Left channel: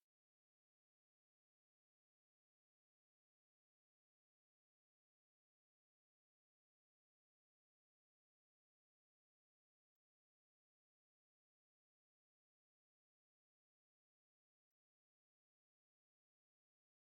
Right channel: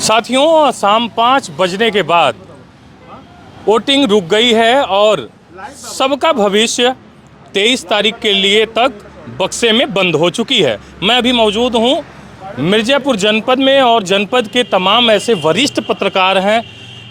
साथियों, शाम 5 बजने के बाद वोटिंग रुक गई है और सबका भविष्य 23 तारीख के लिए तक बक्से में बंद हो चुकी है। मैं अभी मौजूद हूँ मिर्ज़ापुर जनपद में और जनपद के तमाम ऐसे वरिष्ठ पत्रकार हैं,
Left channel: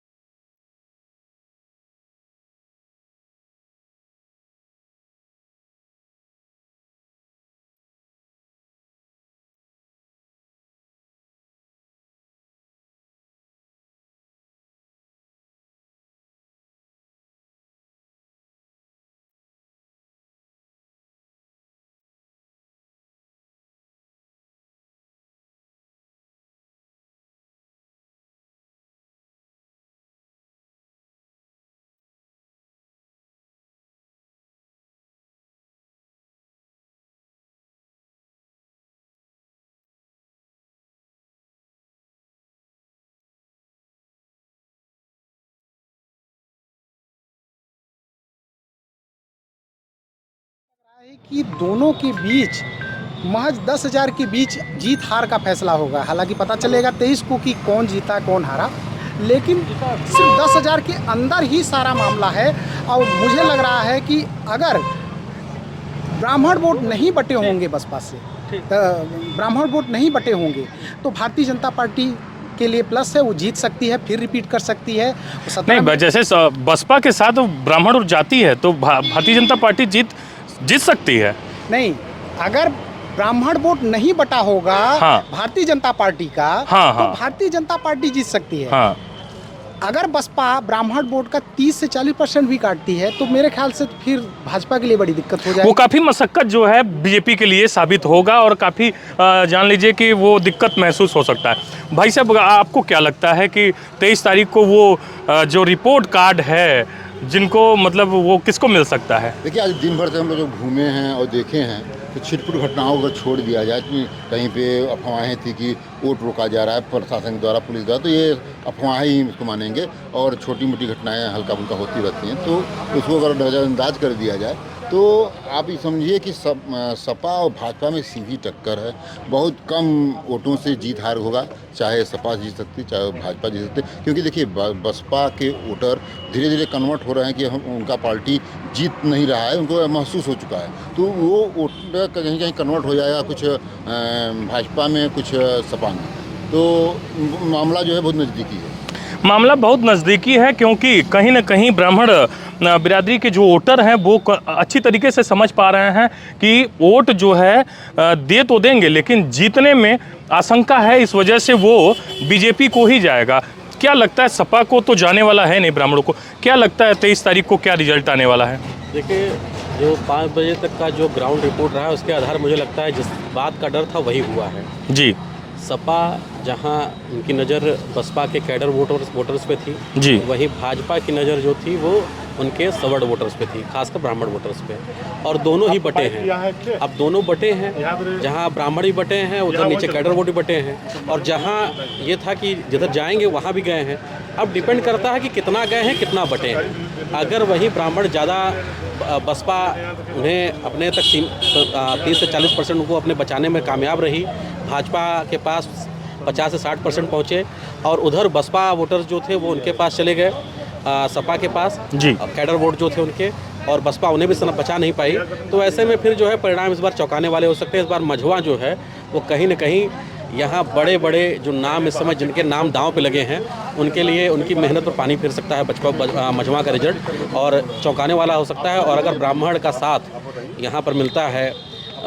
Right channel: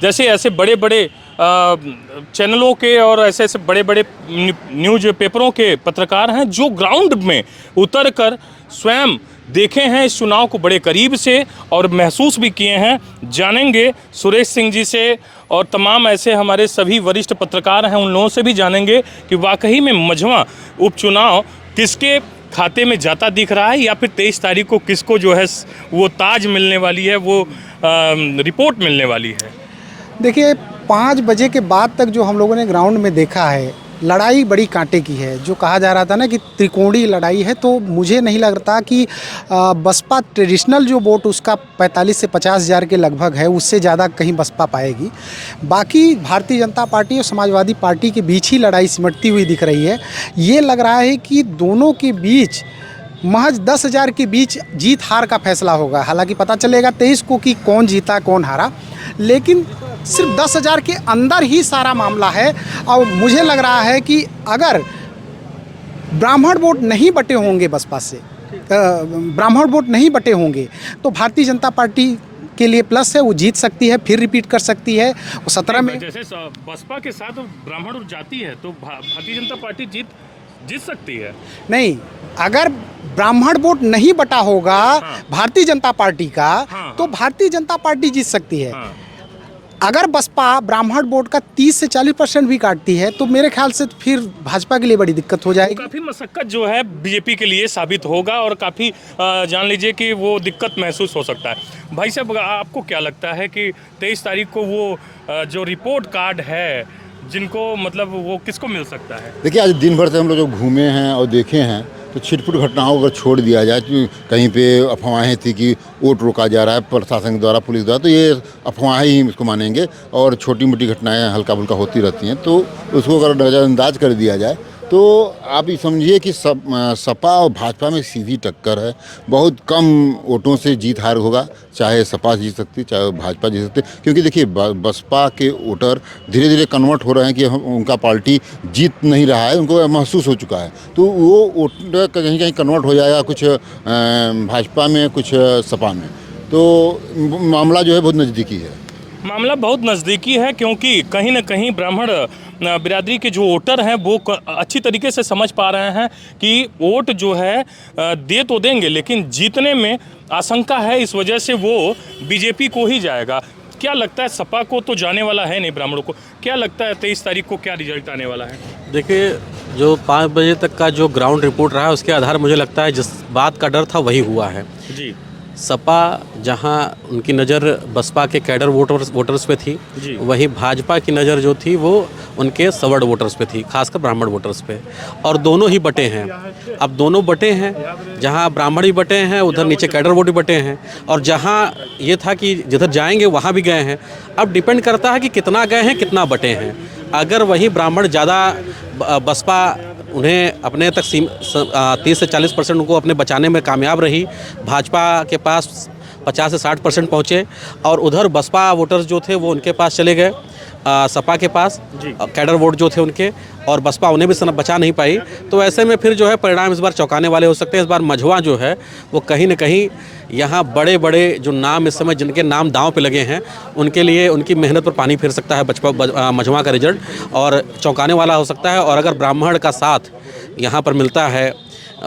जैसे ऐसे बड़े बड़े चैनलों के और ऐसे ऐसे बड़े बड़े न्यूज़ पेपरों के पत्रकार हैं, जो ग्राउंड में उतर कर स्वयं देखे हैं इस चुनाव को बड़े करीब से और महसूस भी किए हैं। जानेंगे सुरेश सिंह जी से और तमाम ऐसे हमारे सभी वरिष्ठ पत्रकार हैं, उन लोगों से भी जानेंगे कि वाकई में मझवा उपचुनाव किसके खाते में जाता दिख रहा है या फिर 23 तारीख को किसको जो है वो ताज मिलने वाली है, वो रिपोर्ट मिलने वाली है। देखिए, 5 बजे के बाद तक जो हम लोगों ने ग्राउंड में देखा है, लड़ाई बड़ी कांटे की है। जो कहा जा रहा था ना कि त्रिकोणीय लड़ाई है, तो मुझे नहीं लगता कि बसपा ट्रेडिशनल जो वोट उसका 45 से 50 हज़ार के लगभग है, उससे ज़्यादा कहीं बसपा पाएगी। बाकी भारतीय जनता पार्टी और समाजवादी पार्टी के बीच ही लड़ाई सिमटती हुई दिख रही है। ये लग रहा है कि दोनों के बीच महज 10 हज़ार के बीच जीत हार का फैसला होगा। हालांकि पता चलेगा 23 को कि कौन जीता कौन हारा, लेकिन सिर्फ 10 हज़ार के अंदर ही सारा मामला है। और मुझे लग रहा है कि अगर ब्राह्मण वोट नहीं बटे होंगे बसपा से, ब्राह्मण वोट नहीं बटे होंगे तो भारतीय जनता पार्टी के लिए प्लस है, वो जीत सकती है, फिर रिपीट कर सकती है। 17 में जैसे बसपा के साथ ब्राह्मण और जाति है तो भारतीय जनता पार्टी जीत सकती है। नहीं, अगर ब्राह्मण वोट नहीं बटा होगा भारतीय जनता पार्टी का, तो भारतीय जनता पार्टी जीत सकती है। अगर बसपा ब्राह्मण वोट का 30 से 40% भी काटती है तो मेरे ख्याल से फिर भाजपा के लिए बड़ी दिक्कत हो जाएगी। वो काफ़ी मशक्कत जो है बीजेपी के लिए साबित होगा और काफ़ी जान लीजिए कि वो दिक्कत महसूस हो सकता है। भाई साहब, आपको क्या लगता है कि 23 तारीख को वो जो रिपोर्ट कार्ड है जिनको मतलब वो किसको मिल सकता है? देखिए, आज दिन भर से हम लोग जो घूमे हैं और देखे हैं तो छिटपुट घटनाओं को छोड़ दिया जाए तो कहीं पे अफवाहें थी कि वोट रोका जा रहा है प्रशासन द्वारा, पुलिस द्वारा, तो ये अफवाहें ही इसको मानेंगे और छोटी मोटी घटनाएं हल्का फुल्का होती रहती हैं, तो उसको अगर नज़रअंदाज कर दिया जाए तो आप ये समझिए कि सपा और भाजपा में सीधी टक्कर है। बहुत कम वोटों से जीत हार होगा, चाहे सपा जीत सकती चाहे भाजपा जीत सकती, क्योंकि देखिए बसपा के वोटर धीरे धीरे कन्वर्ट हो रहे हैं कि उनका पार्टी जीत नहीं रहा है, उनको महसूस हो चुका है, तो वो वोटर कहीं कहीं कन्वर्ट हो जाएगा, कुछ भाजपा में कुछ सपा में, तो मामला जो है बहुत नज़दीकी है। मामला बहुत नज़दीकी है क्योंकि कहीं ना कहीं ब्राह्मण बिरादरी के जो वोटर हैं वो अच्छी तरीके से समझ पा रहे हैं कि वोट जो है दे तो देंगे लेकिन जीतने में आशंका है, इस वजह से वो बीजेपी को ही जाएगा। क्या लगता है, सपा को तो जाने वाला है नहीं, ब्राह्मणों को क्या लगता है 23 तारीख को क्या रिजल्ट आने वाला है? देखिए, जो 5 बजे तक का जो ग्राउंड रिपोर्ट रहा है उसके आधार मुझे लगता है जिस बात का डर था वही हुआ है जी। सपा जहां उनकी नज़र बसपा के कैडर वोटर्स पे थी जी, वहीं भाजपा की नज़र जो थी वो उनके सवर्ण वोटर्स पे थी, खासकर ब्राह्मण वोटर्स पे, और दोनों ही बटे हैं। अब दोनों बटे हैं, जहां ब्राह्मण भी बटे हैं उधर नीचे कैडर वोट भी बटे हैं, और जहां ये था कि जिधर जाएंगे वहां भी गए हैं। अब डिपेंड करता है कि कितना गए हैं, कितना बटे हैं। अगर वही ब्राह्मण ज़्यादा बसपा उन्हें अपने तक 30 से 40% उनको अपने बचाने में कामयाब रही, भाजपा के पास 50 से 60% पहुँचे, और उधर बसपा वोटर्स जो थे वो उनके पास चले गए, सपा के पास जी, कैडर वोट जो थे उनके, और बसपा उन्हें भी बचा नहीं पाई। तो ऐसे में फिर जो है परिणाम इस बार चौंकाने वाले हो सकते हैं। इस बार मझवा जो है वो कहीं न कहीं यहाँ बड़े बड़े जो नाम इस समय जिनके नाम दांव पे लगे हैं उनके लिए उनकी मेहनत पर पानी फिर सकता है मझवा का रिजल्ट, और चौंकाने वाला हो सकता है। और अगर ब्राह्मण का साथ यहाँ पर मिलता है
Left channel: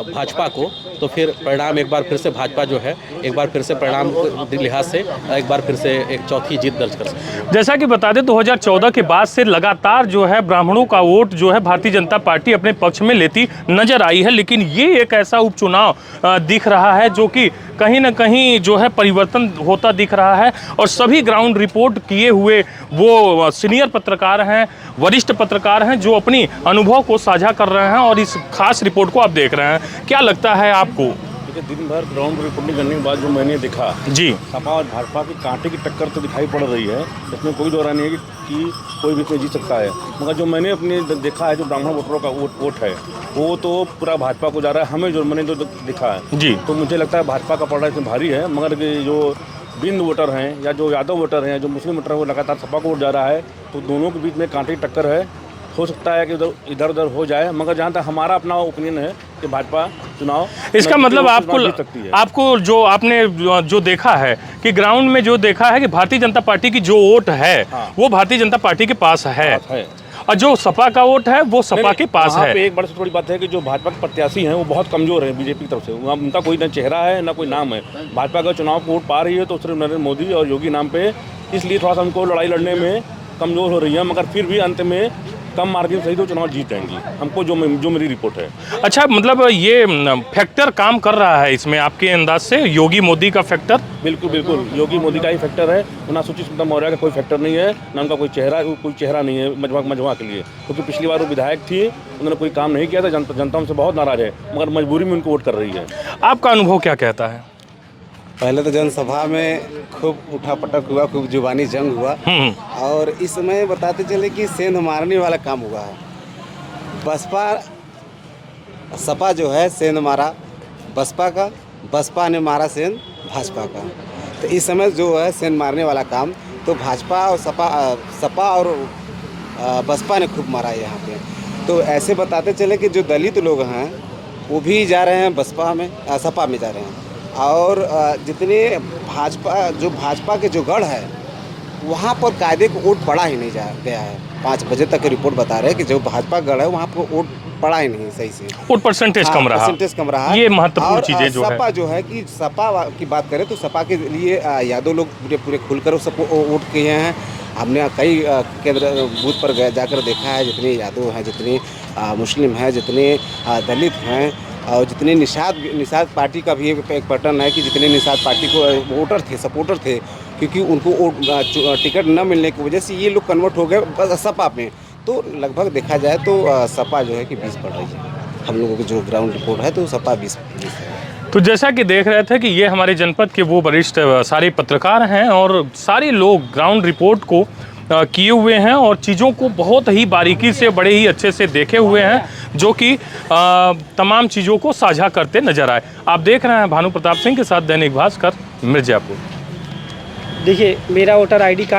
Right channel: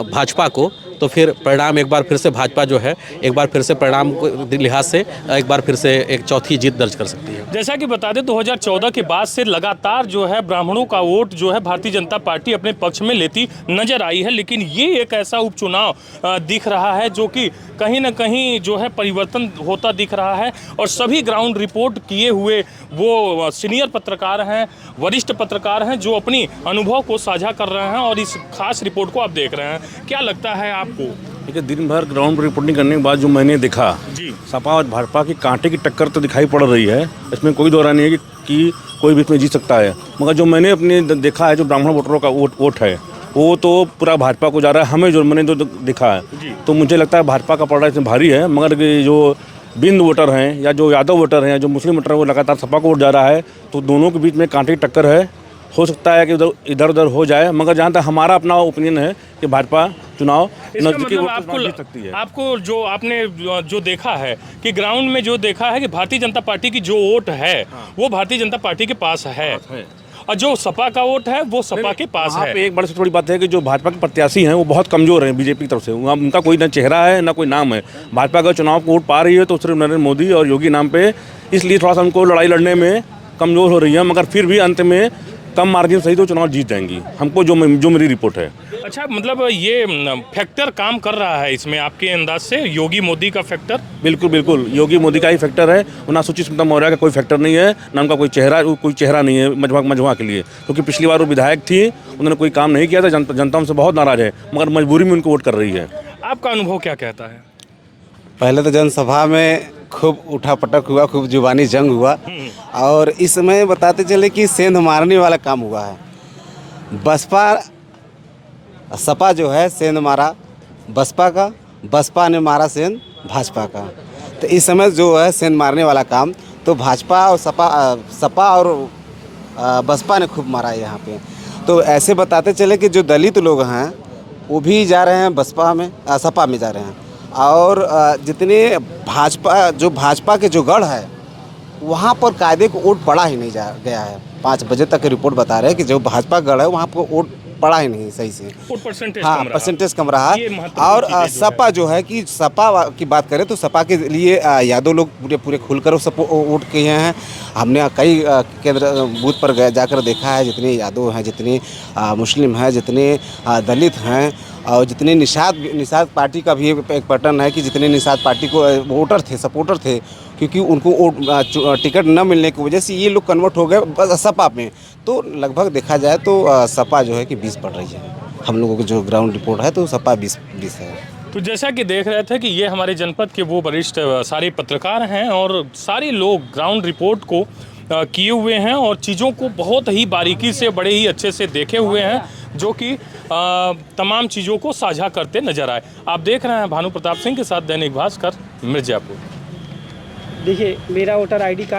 भाजपा को तो फिर परिणाम एक बार फिर से भाजपा जो है एक बार फिर से परिणाम लिहाज से एक बार फिर से एक चौथी जीत दर्ज कर सकती है। जैसा कि बता दें 2014 के बाद से लगातार जो है ब्राह्मणों का वोट जो है भारतीय जनता पार्टी अपने पक्ष में लेती नजर आई है, लेकिन ये एक ऐसा उपचुनाव दिख रहा है जो कि कहीं ना कहीं जो है परिवर्तन होता दिख रहा है। और सभी ग्राउंड रिपोर्ट किए हुए वो सीनियर पत्रकार हैं, वरिष्ठ पत्रकार हैं जो अपनी अनुभव को साझा कर रहे हैं और इस खास रिपोर्ट को आप देख रहे हैं। क्या लगता है आपको? देखिए, दिन भर ग्राउंड रिपोर्टिंग करने के बाद जो मैंने देखा जी, सपा और भाजपा की कांटे की टक्कर तो दिखाई पड़ रही है, इसमें कोई दौरा नहीं है कि कोई भी इसमें जीत सकता है। मगर जो मैंने अपने देखा है जो ब्राह्मण वोटरों का वोट है वो तो पूरा भाजपा को जा रहा है, हमें जो मैंने जो दिखा है जी। तो मुझे लगता है भाजपा का पलड़ा इसमें भारी है, मगर जो बिंद वोटर हैं या जो यादव वोटर हैं, जो मुस्लिम वोटर हैं, वो लगातार सपा को वोट जा रहा है, तो दोनों के बीच में कांटे की टक्कर है। हो सकता है कि इधर उधर हो जाए, मगर जहाँ तक हमारा अपना ओपिनियन है कि भाजपा चुनाव इसका मतलब आपको जो आपने जो देखा है कि ग्राउंड में जो देखा है कि भारतीय जनता पार्टी की जो वोट है वो भारतीय जनता पार्टी के पास है और जो सपा का वोट है वो सपा के पास है। एक बड़ी से बड़ी बात है कि जो भाजपा के प्रत्याशी हैं वो बहुत कमजोर हैं बीजेपी की तरफ से, उनका कोई ना चेहरा है ना कोई नाम है। भाजपा का चुनाव वोट पा रही है तो सिर्फ नरेंद्र मोदी और योगी नाम पे, इसलिए थोड़ा सा उनको लड़ाई लड़ने में कमजोर हो रही है, मगर फिर भी अंत में कम मार्जिन सही तो चुनाव जीत जाएंगी, हमको जो मेरी रिपोर्ट है। अच्छा, मतलब ये फैक्टर काम कर रहा है इसमें आपके अंदाज से, योगी मोदी का फैक्टर? बिल्कुल बिल्कुल, योगी मोदी का ही फैक्टर है, ना सुचित स्मिता मौर्य का कोई फैक्टर नहीं है, ना उनका कोई चेहरा नहीं है मजमा के लिए, क्योंकि पिछली बार वो विधायक थी, उन्होंने कोई काम नहीं किया था, जनता उनसे बहुत नाराज है, मगर मजबूरी में उनको वोट कर रही है। आपका अनुभव क्या कहता है? पहले तो जनसभा में खूब उठापटक हुआ, खूब जुबानी जंग हुआ और इस समय बताते चले कि सेंध मारने वाला काम हुआ है। सपा जो है सेंध मारा बसपा का, बसपा ने मारा सेंध भाजपा का। तो इस समय जो है सेंध मारने वाला काम तो भाजपा और सपा और बसपा ने खूब मारा यहाँ पे। तो ऐसे बताते चले कि जो दलित लोग हैं वो भी जा रहे हैं सपा में जा रहे हैं, और जितने भाजपा के जो गढ़ है वहाँ पर कायदे को वोट पड़ा ही नहीं गया है। 5 बजे तक की रिपोर्ट बता रहे हैं कि जो भाजपा गढ़ है वहाँ पर वोट पड़ा ही नहीं सही से, वोट परसेंटेज कम रहा। ये महत्वपूर्ण चीजें जो सपा जो है कि सपा की बात करें तो सपा के लिए यादव लोग पूरे खुलकर वोट किए हैं। हमने कई केंद्र बूथ पर जाकर देखा है, जितने यादव हैं, जितने मुस्लिम हैं, जितने दलित हैं और जितने निषाद पार्टी का भी एक पैटर्न है कि जितने निषाद पार्टी को सपोर्टर थे, क्योंकि उनको टिकट न मिलने की वजह से ये लोग कन्वर्ट हो गए सपा में। तो लगभग देखा जाए तो सपा जो है कि 20 बढ़ रही है। हम लोगों की जो ग्राउंड रिपोर्ट है तो सपा 20 है। तो जैसा कि देख रहे थे कि ये हमारे जनपद के वो वरिष्ठ सारे पत्रकार हैं और सारे लोग ग्राउंड रिपोर्ट को किए हुए हैं और चीज़ों को बहुत ही बारीकी से, बड़े ही अच्छे से देखे हुए हैं, जो कि तमाम चीज़ों को साझा करते नजर आए। आप देख रहे हैं भानु प्रताप सिंह के साथ दैनिक भास्कर, मिर्जापुर। देखिए, मेरा वोटर आईडी कार्ड